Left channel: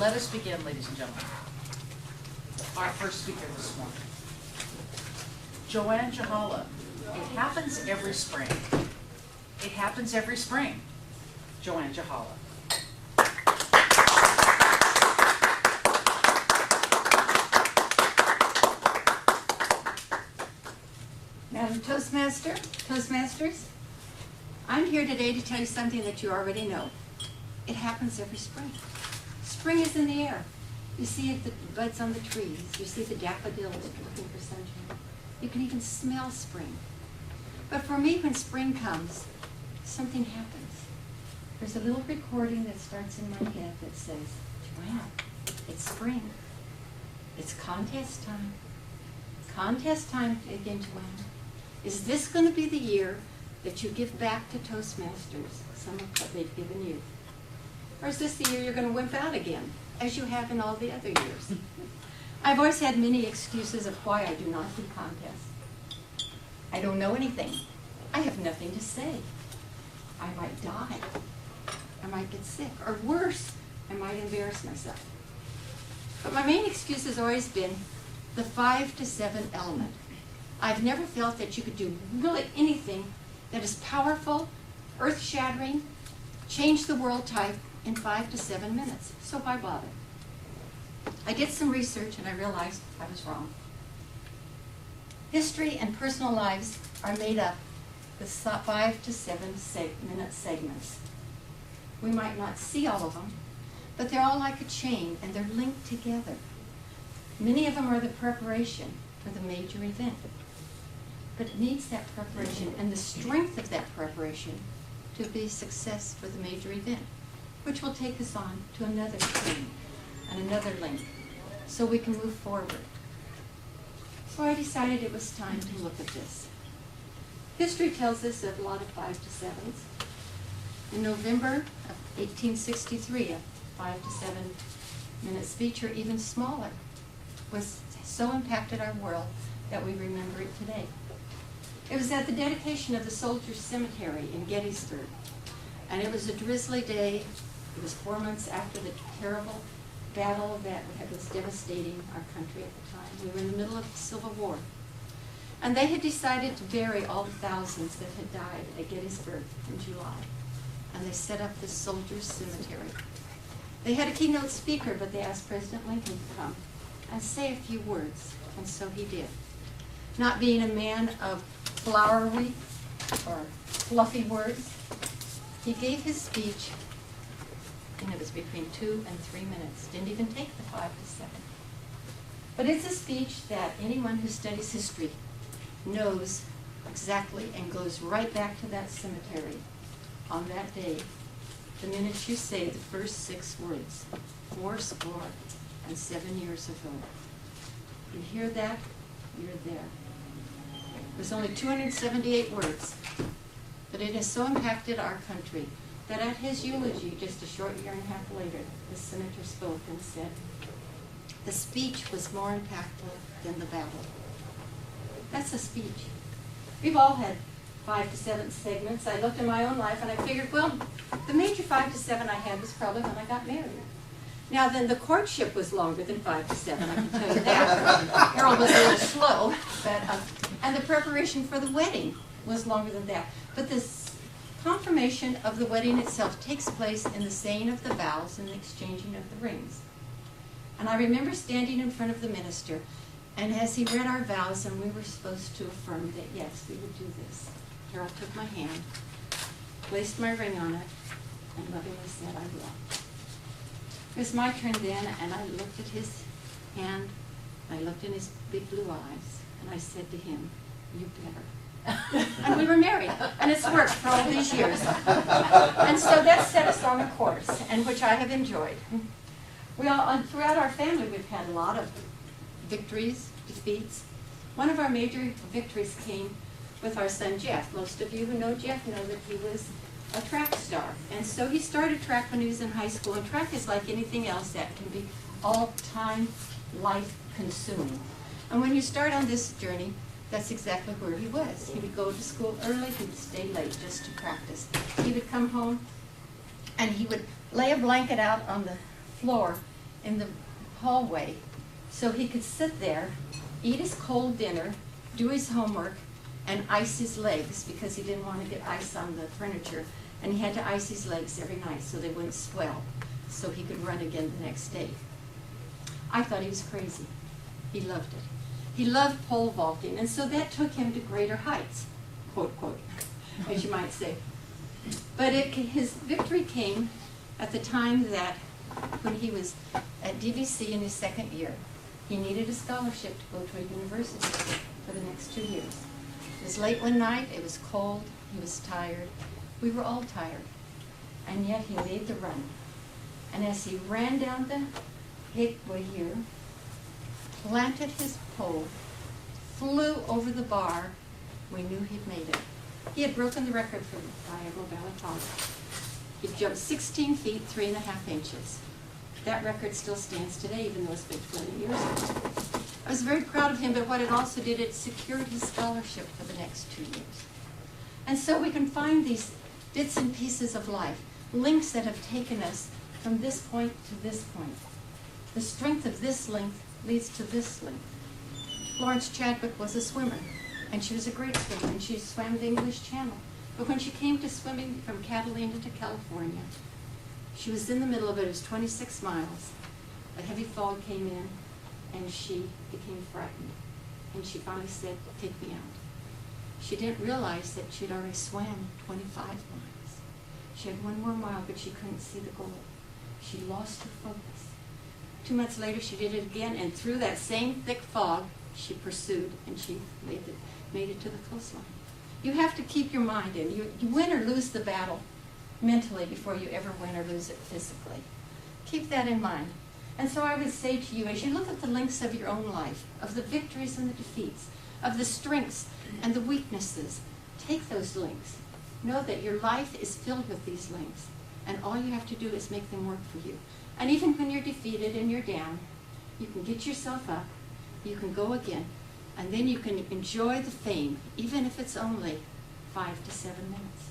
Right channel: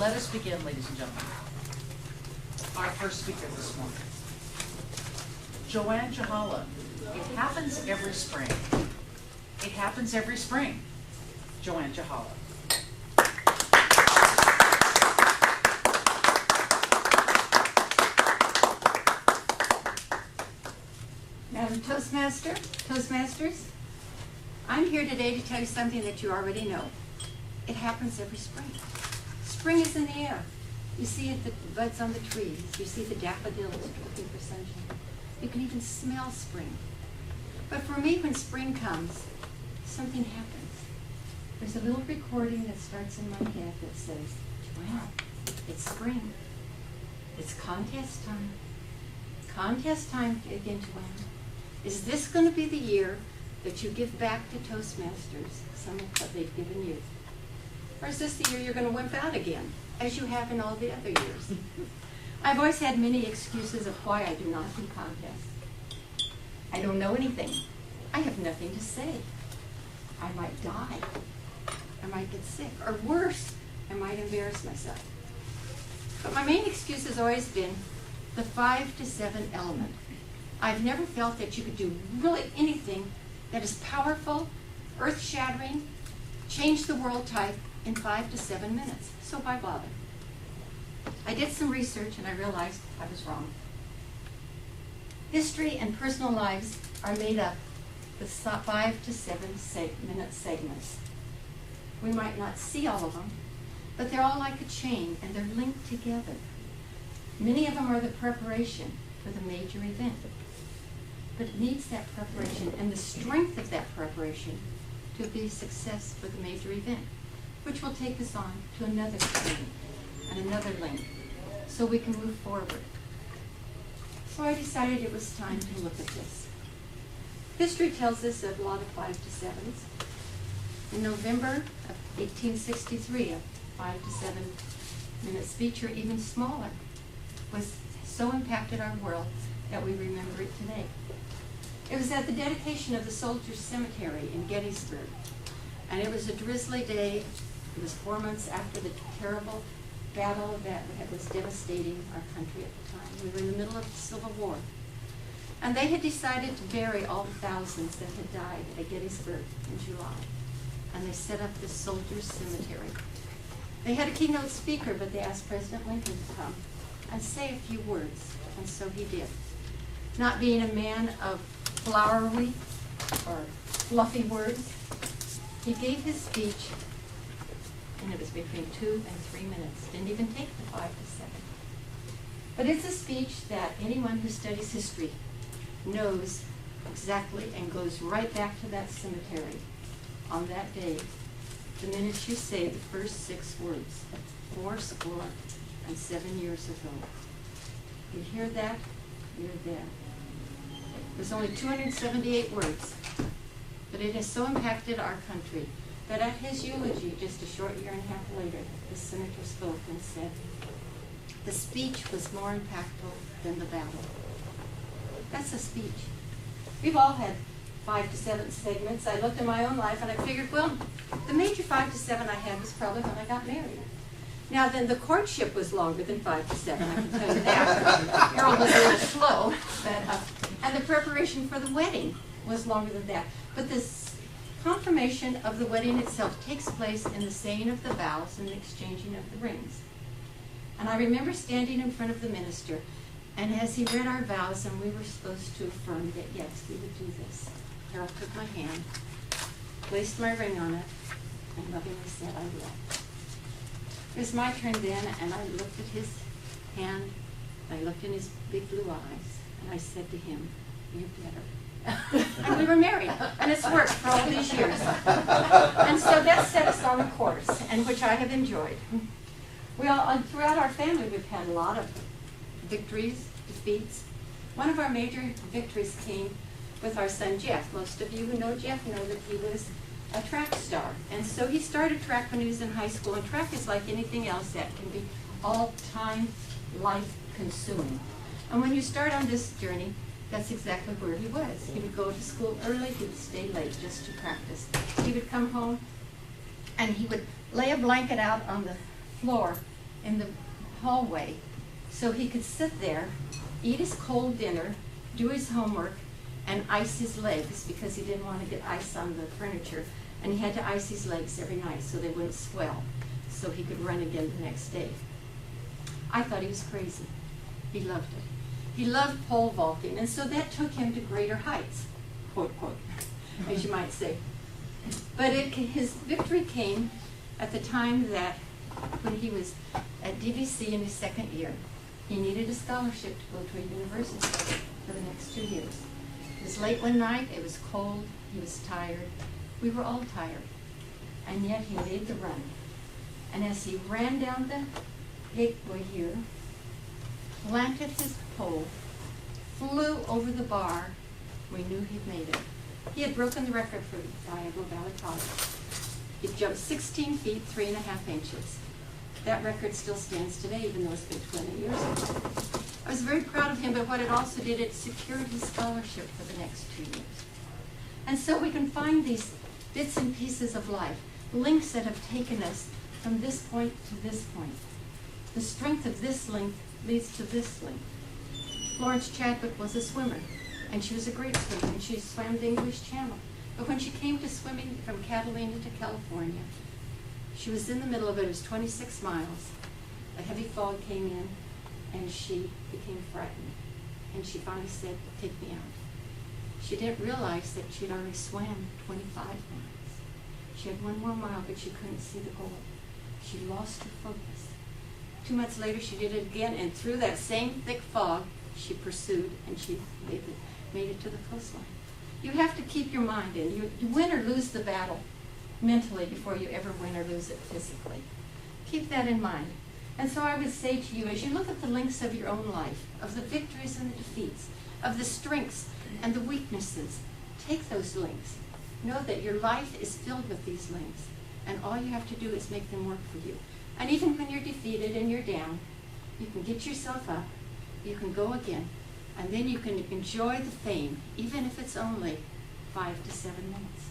Let us begin, ladies and gentlemen. Our first speaker this morning, Juhala. It happens every spring. It happens every spring. Juhala. Madam Toastmasters, I'm here today to tell you something that you already know. It happens every spring. Spring is in the air. You see the buds on the trees. You see the daffodils looking for sunshine. You can even smell spring. But for me, when spring comes, something happens. There's a little recording that starts in my head that says, Joanne, it's spring. It's contest time. Contest time again, Joanne. Is this going to be the year that you give back to Toastmasters some of what they've given you? Or is this the year you're going to wimp out again, as you have in all the other years? I've always had many excuses of why I do not do contests. I don't know anything. I have nothing to say. I might die. I might get sick. Or worse, I might embarrass myself. But my main excuse has always been the 5 to 7 element. I've never felt that you could do really anything that is powerful, earth-shattering, change the world type in 5 to 7 minutes. So why bother? I did some research and I realized I was wrong. History and personal lives are made up with 5 to 7 minute segments. We might not see all of them, but they're all like a chain and they're linked together. Many of them are the preparation for the major event. But it needs that preparation and the strength of that preparation to be a success for the major event, which will take us on to another chain and another link so we can move forward. So I decided it was time to look at this. History tells us of a lot of 5 to 7s. In November of 1863, a 5 to 7 minute speech, or even smaller, was so impacted our world that we remember it today. It was at the dedication of the Soldiers' Cemetery in Gettysburg, and it was a drizzly day. It was 4 months after the terrible battle that was devastating our country at the time. We were in the middle of the Civil War, and they had decided to bury all the thousands that had died at Gettysburg in July, and they set up this Soldiers' Cemetery. They had a keynote speaker, but they asked President Lincoln to come and say a few words, and so he did. Not being a man of flowery or fluffy words, he gave his speech, and it was between 2 and 3 minutes. Didn't even take the 5 to 7. But it's a speech that anyone who studies history knows exactly and goes right back to that cemetery on that day, the minute you say the first 6 words, 67 years ago. You hear that? You're there. There's only 278 words, but it has so impacted our country that at his eulogy, just a short year and a half later, the senator spoke and said, the speech was more impactful than the battle. That's a speech. We've all had 5 to 7 segments. I looked at my own life and I figured, well, the major 5 to 7 I had was probably when I got married. Now then, the courtship was longer than 5 to 7, I can tell you that. Harold was a little slow, but, and the preparation for the wedding was longer than that. But this confirmation of the wedding itself takes place in the saying of the vows and the exchanging of the rings. And I remember standing in front of the minister, and as he read our vows, and we were supposed to affirm that, yes, we would do this. Harold took my hand, placed my ring on it, and lovingly said, I will. It was my turn then, and I looked at his hand, I looked in his big blue eyes, and I said to him, you better. And we were married, and it's worked for all these years. And so that set us on a course, and which I have enjoyed. We all, throughout our family, we've had a lot of victories, defeats. One of our major victories came with our son Jeff. Most of you who know Jeff know that he was a track star. And so he started track when he was in high school, and track is like anything else that can be all-time life-consuming. And when you start on this journey, that's exactly where he was. He would go to school early, he would stay late just to practice. He would come home and he would lay a blanket out on the floor in the hallway so he could sit there, eat his cold dinner, do his homework, and ice his legs because he didn't want to get ice on the furniture. And he had to ice his legs every night so they wouldn't swell, so he could run again the next day. I thought he was crazy. He loved it. He loved pole vaulting, and so that took him to greater heights, quote, quote, as you might say. But his victory came at the time that when he was at DVC in his second year, he needed a scholarship to go to a university for the next 2 years. It was late one night, it was cold, he was tired. We were all tired. And yet he made the run. And as he ran down the gateway here, planted his pole, flew over the bar, we knew he'd made it. He had broken the record for Diagonal Valley College. He jumped 16 feet, 3.5 inches. That record still stands today, even though it's been 20 years ago. I was very proud of him, but what it also did, it secured his scholarship for the next 2 years. And so we can find these bits and pieces of life, links that have taken us from this point to this point. The strength of this link leads to this link. Florence Chadwick was a swimmer, and she was a great swimmer, and she swam the English Channel. But when she came to swimming from Catalina to California, she was in the middle of it. It was 26 miles. A heavy fog came in, and she became frightened. And she finally said, "Take me out." She didn't realize that she'd already swam 25 miles. She had 1 more mile, but she couldn't see the goal. She lost her focus. 2 months later, she did it again, and through that same thick fog, she pursued, and she made it to the coastline. You have to keep your mind in. You win or lose the battle mentally before you ever win or lose it physically. Keep that in mind. And so I would say to you, as you look at the links of your own life, of the victories and the defeats, of the strengths and the weaknesses, take those links. Know that your life is filled with these links, and all you have to do is make them work for you. And even when you're defeated and you're down, you can get yourself up, you can go again, and then you can enjoy the fame, even if it's only 5 to 7 minutes.